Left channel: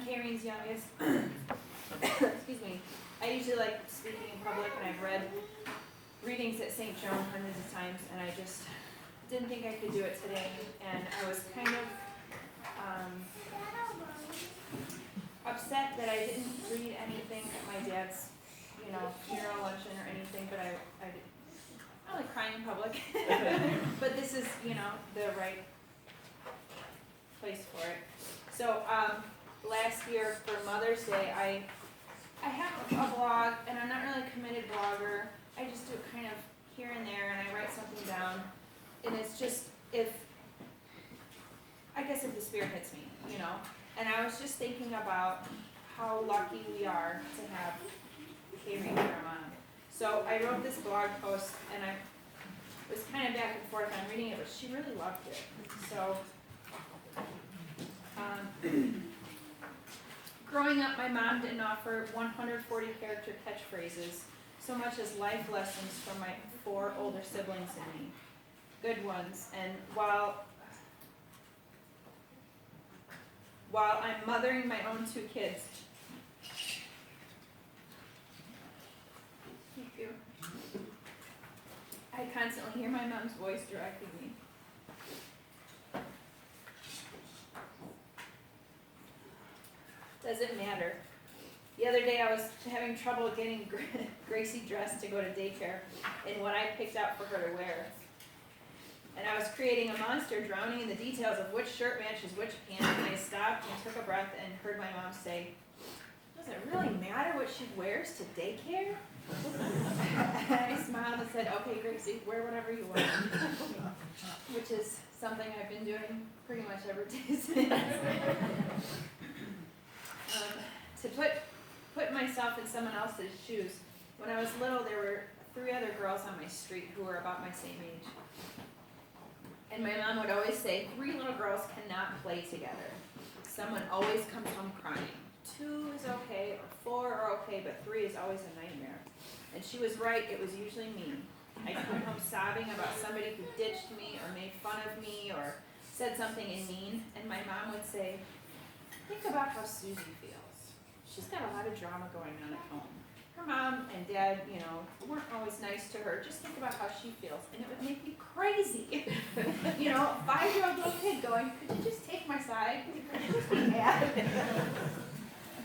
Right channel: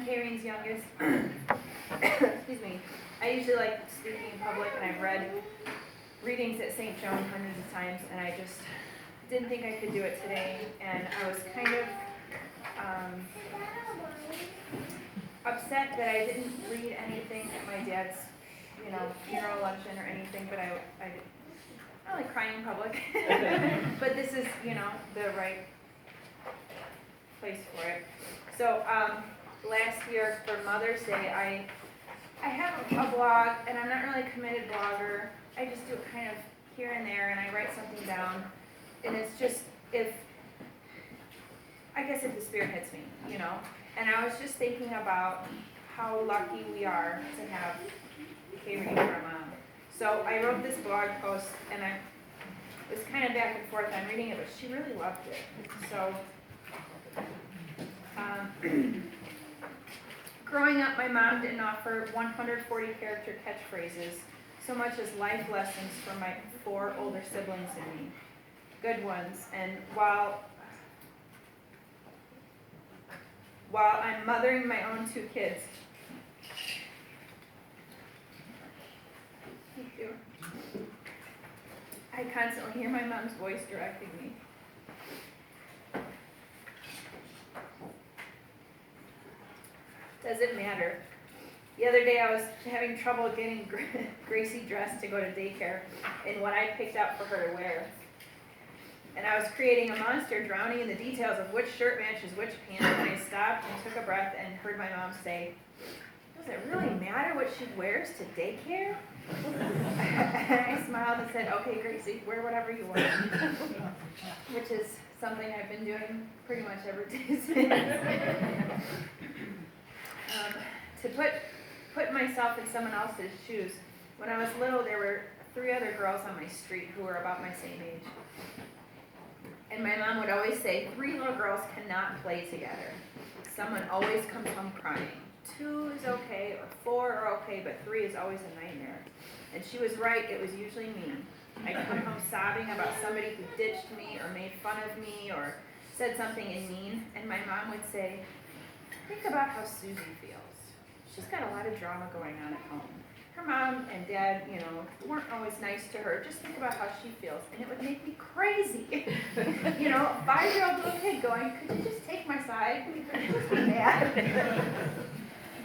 I'm Kayrene's youngest. Excuse me. I usually like speaking in public, and I've read readings at St. Joan hundreds of times, and I just didn't think I could do it today. And I was kind of upset that I didn't read anything at my dad's, funeral luncheon or anything, but I don't like crying in public. But this is, the right place for it. So last year for Mother's Day, I have a blog, and I'm not really a committed blogger. I just do it kind of here and there, and I write something down. And it's just if the Spirit hits me, And I was just thinking about how lucky we are to have Kayrene, our mom. So I wrote this blog post, and I was kind of back and forth on reading it, but she really loved it. So growing up, my mom didn't offer 140 character catchphrases so much as life lessons for my 4 older siblings and me. Good ones. And while I'm mothering my own 2 kids, thank you. I constantly hear my mom's voice directing me. Does it matter? The other day I was having trouble getting Gracie dressed to go to daycare in what I picked out for her to wear. And I was creating a monster, drowning in the details of which shirt matches which pants, and I stopped and took a breath and heard my mom say, "Does it really matter what she wears to daycare?" I smiled and said, "Okay, Gracie, wear whatever you want," which is something I've been doing pretty much every day since. To put myself in someone else's shoes, when I was little, there were 3 other girls on my street who were about my same age. And my mom would always say, 3 little girls cannot play together. Someone always comes home crying. 2 is okay, or 4 are okay, but 3 is always a nightmare. And she was right, it was usually me. I'd come home sobbing about somebody who ditched me, or made fun of me, or said something mean, and my mom would say, "Think about how Susie feels. She's got a lot of drama going on at home. Her mom and dad, weren't always nice to her. Just think about how she feels." And it would make me crazy. 5-year-old little kid going, "Could you just take my side? Could you just be mad?"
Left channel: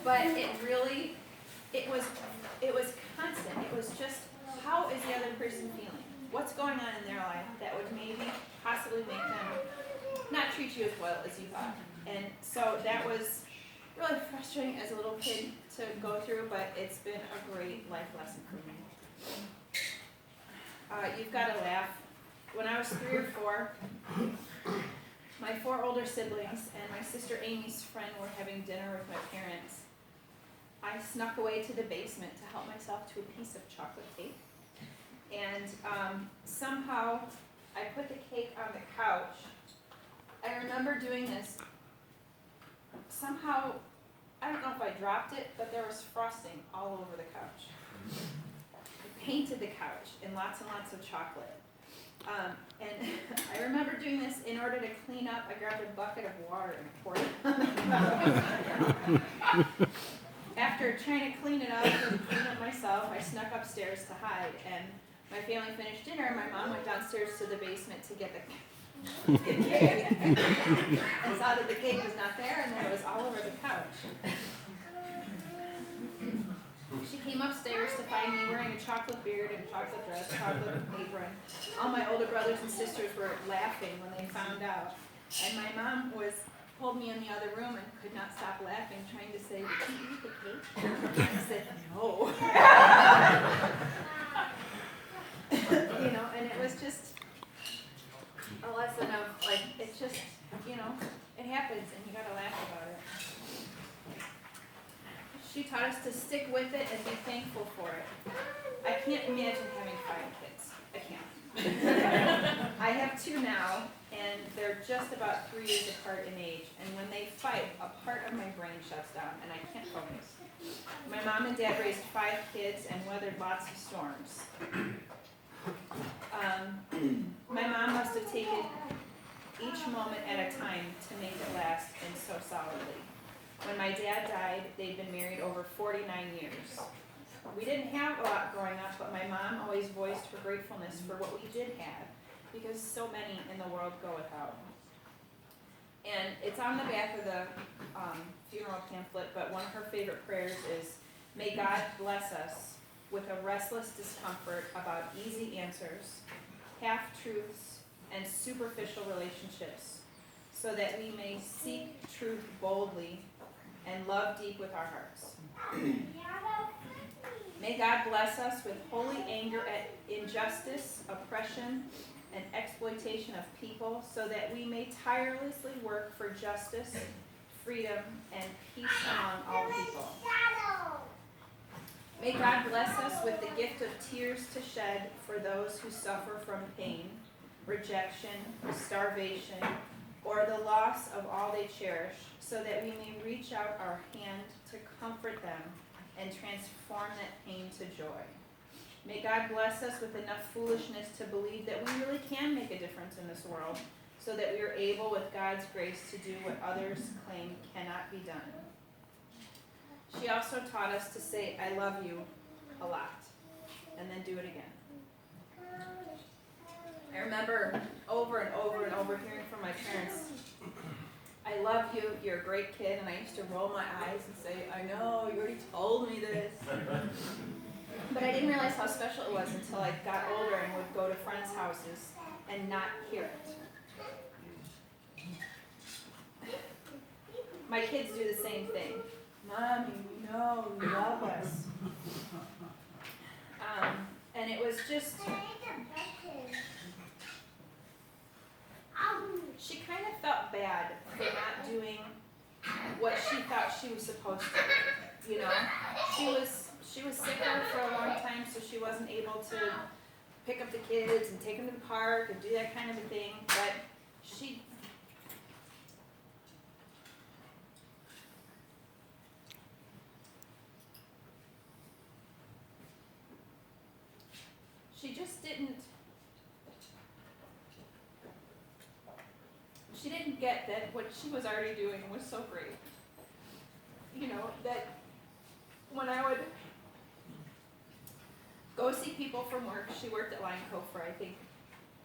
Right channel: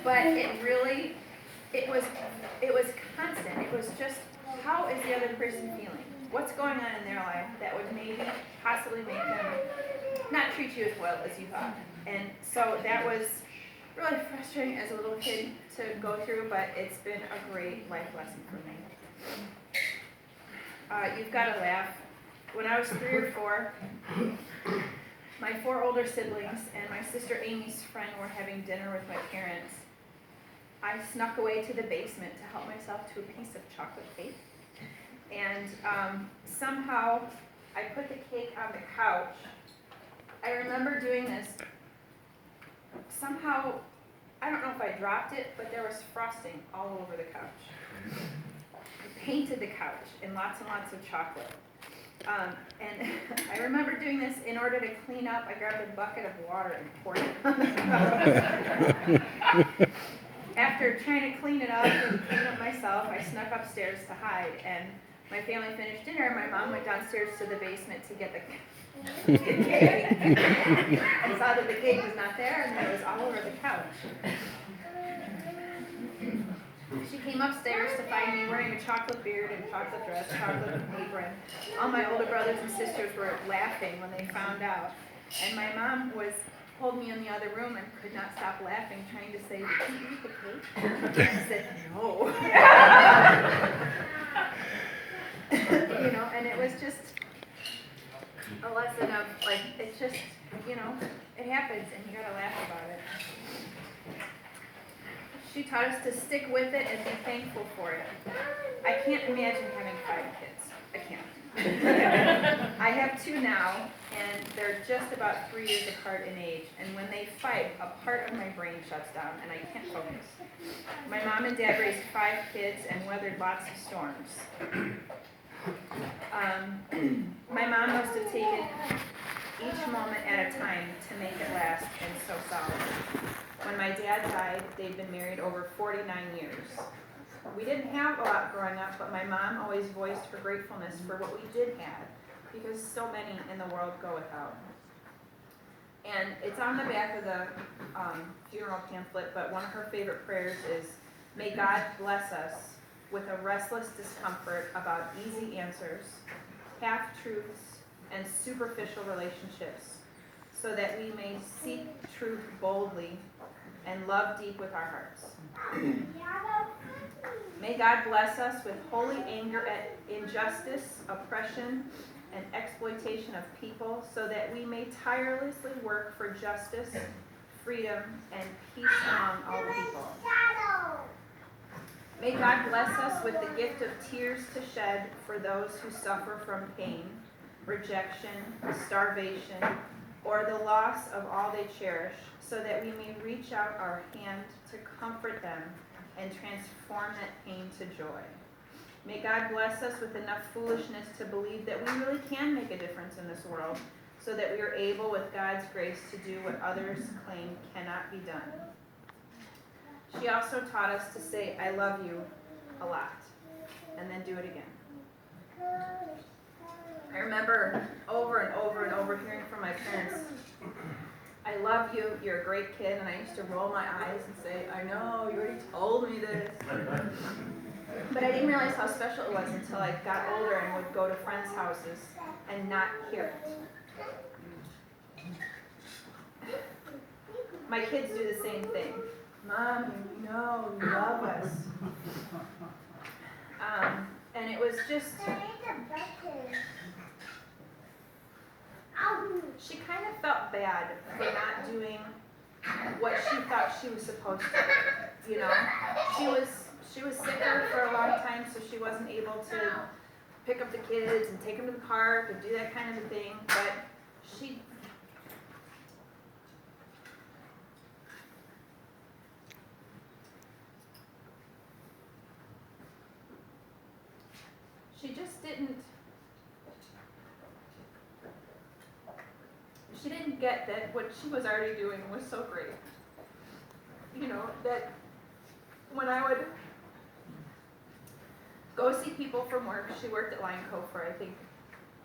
But it was constant. It was just, how is the other person feeling? What's going on in their life that would maybe possibly make them not treat you as well as you thought? And so that was really frustrating as a little kid to go through, but it's been a great life lesson for me. You've got to laugh. When I was 3 or 4, my 4 older siblings and my sister Amy's friend were having dinner with my parents. I snuck away to the basement to help myself to a piece of chocolate cake. And somehow I put the cake on the couch. I remember doing this. Somehow, I don't know if I dropped it, but there was frosting all over the couch. I painted the couch in lots and lots of chocolate. And I remember doing this in order to clean up. I grabbed a bucket of water and poured it on the couch. After trying to clean it up and clean up myself, I snuck upstairs to hide. And my family finished dinner, and my mom went downstairs to the basement to get the cake. And saw that the cake was not there, and then it was all over the couch. She came upstairs to find me wearing a chocolate beard and chocolate dress, chocolate apron. All my older brothers and sisters were laughing when they found out. And my mom pulled me in the other room and could not stop laughing, trying to say, "Did you eat the cake?" And I said, "No." And it was just a lesson of, it's just, it happens, and you gotta laugh about it. She taught us to stick with it and be thankful for it. I can't imagine having 5 kids. I can't. I have 2 now, and they're just about 3 years apart in age, and when they fight, a part of my brain shuts down, and I can't focus. My mom and dad raised 5 kids and weathered lots of storms. My mom must have taken each moment at a time to make it last and so solid. When my dad died, they'd been married over 49 years. We didn't have a lot growing up, but my mom always voiced her gratefulness for what we did have, because so many in the world go without. And it's on the back of the funeral pamphlet, but one of her favorite prayers is, "May God bless us with a restless discomfort about easy answers, half-truths, and superficial relationships, so that we may seek truth boldly and love deep with our hearts. May God bless us with holy anger at injustice, oppression, and exploitation of people, so that we may tirelessly work for justice, freedom, and peace among all people. May God bless us with the gift of tears to shed for those who suffer from pain, rejection, starvation, or the loss of all they cherish, so that we may reach out our hand to comfort them and transform that pain to joy. May God bless us with enough foolishness to believe that we really can make a difference in this world, so that we are able, with God's grace, to do what others claim cannot be done. She also taught us to say, "I love you," a lot, and then do it again. I remember over and over and over hearing from my parents, "I love you, you're a great kid," and I used to roll my eyes and say, "I know, you already told me this." But I didn't realize how special it was until I got older and would go to friends' houses and not hear it. My kids do the same thing. "Mom, you know you love us." And it was just, she kind of felt bad for not doing what she thought she was supposed to. You know, she was sicker for a long time, so she wasn't able to pick up the kids and take them to the park and do that kind of a thing. But she just didn't. She didn't get that what she was already doing was so great. You know, that when I would go see people from work, she worked at Line Co for, I think,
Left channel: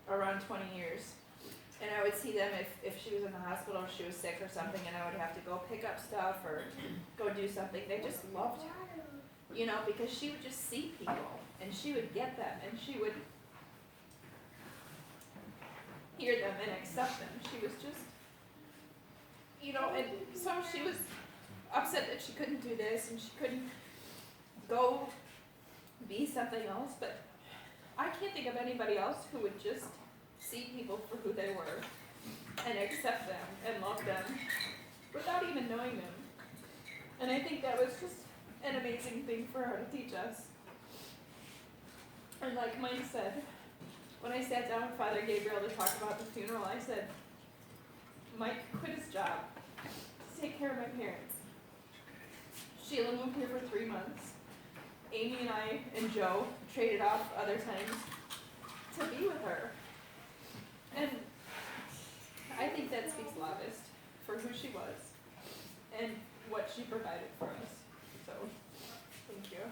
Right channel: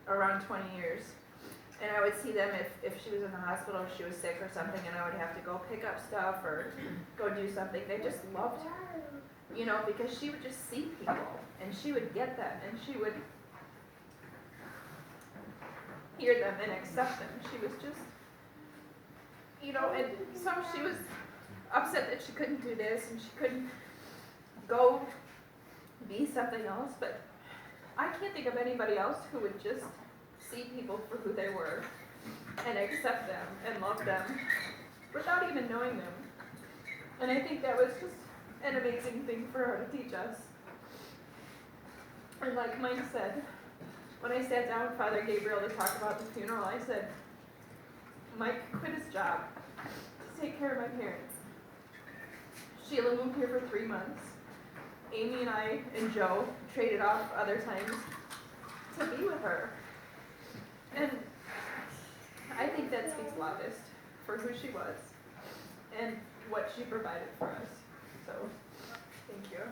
around 20 years. And I would see them if she was in the hospital or she was sick or something, and I would have to go pick up stuff or go do something. They just loved her, you know, because she would just see people, and she would get them, and she would hear them and accept them. She was just, you know, and she was upset that she couldn't do this and she couldn't go be something else, but I can't think of anybody else who would just see people for who they were and accept them and love them without even knowing them. And I think that was just an amazing thing for her to teach us. And like Mike said, when I sat down with Father Gabriel to talk about the funeral, I said, "Mike quit his job to take care of my parents. Sheila moved here for 3 months. Amy and I and Joe traded off other times to be with her." And I think that speaks loudest for who she was and what she provided for us. So, thank you.